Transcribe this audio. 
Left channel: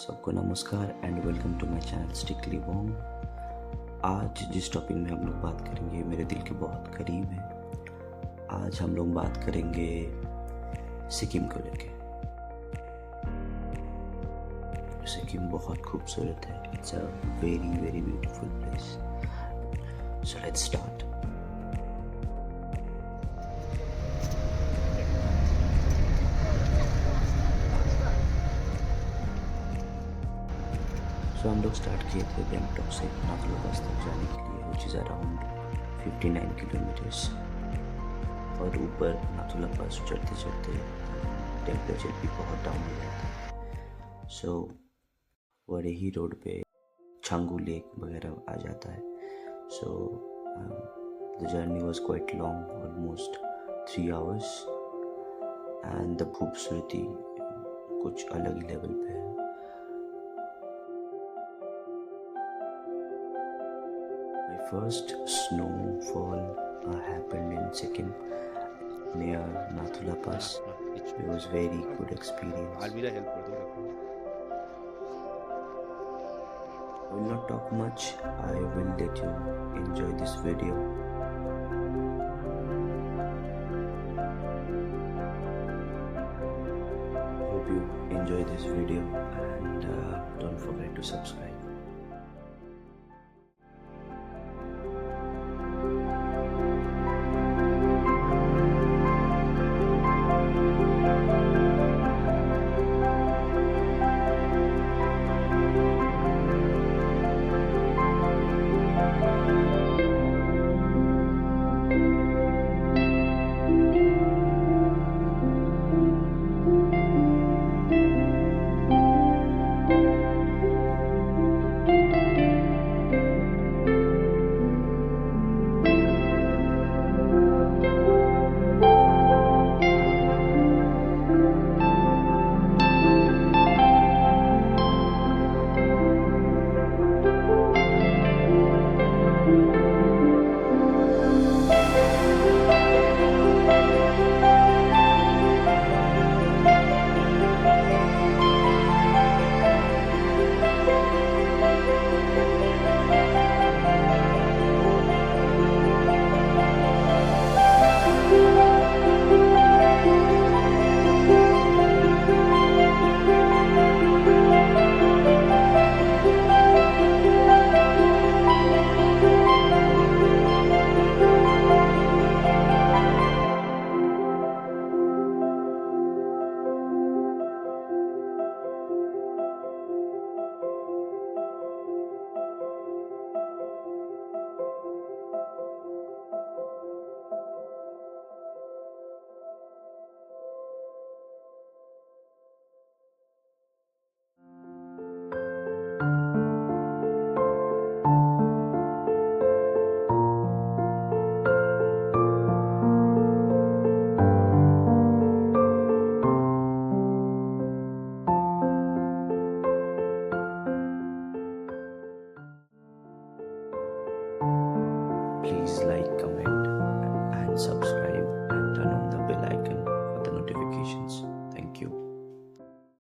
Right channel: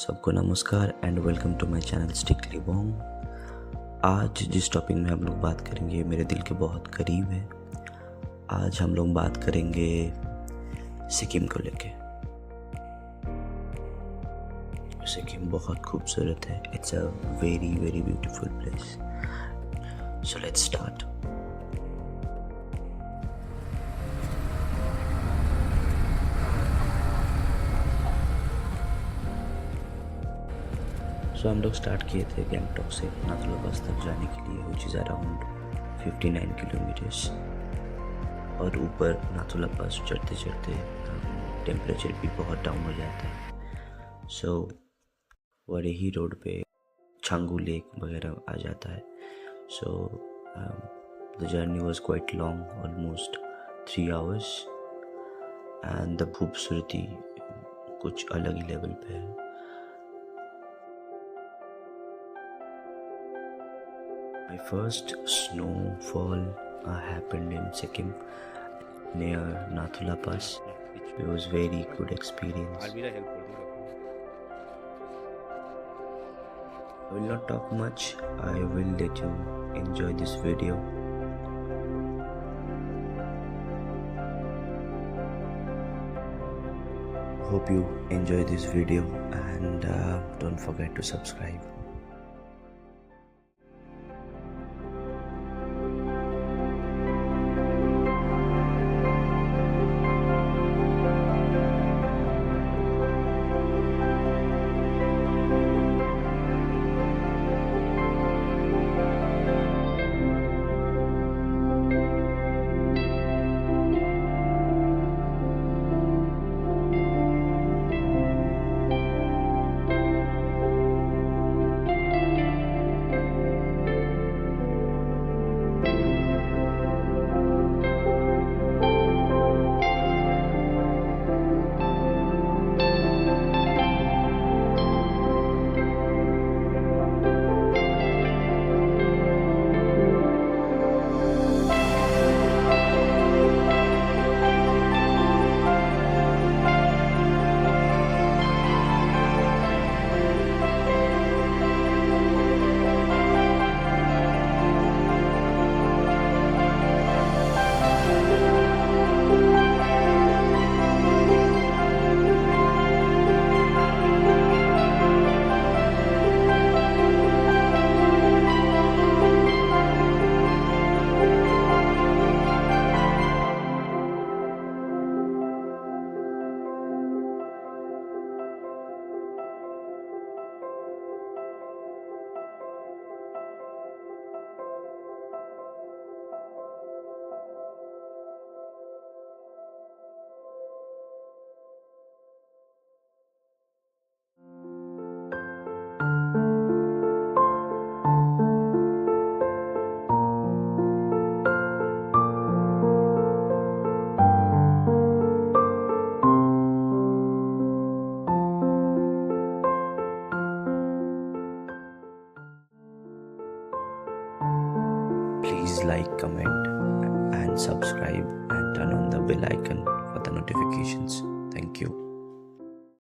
सबको नमस्कार and welcome to my channel स्टिकली वॉन्ग। आज जिस टॉपिक में हम लोग बात करेंगे मेरे दिल के बहुत करीब है। आज हम लोग बात करेंगे सिक्किम को लेके। सिक्किम बहुत खूबसूरत है। It's a very very beautiful place. So let's start. So हम लोग स्टार्ट किए थे गैंगटॉक से नाथुला पास तक जाने के लिए, विच इज़ अराउंड 59 किलोमीटर्स। और ऊपर नाथुला पास चढ़ते चढ़ते टेम्परेचर भी बहुत डाउन हो जाता है। सो वड़े ही रोड पे छांगू लेक वगैरह आ जाता है। So the journey was quite long, almost 3 hours. And the खूबसूरती कुछ अलग ही लेवल पे है। My first snowfall happened in Sikkim near Nathula Pass. It was very good experience. I will not talk much. I will let you enjoy this video. Hope you enjoy this video and don't forget to subscribe. Please like, comment and subscribe and turn on the bell icon for the notifications. Thank you.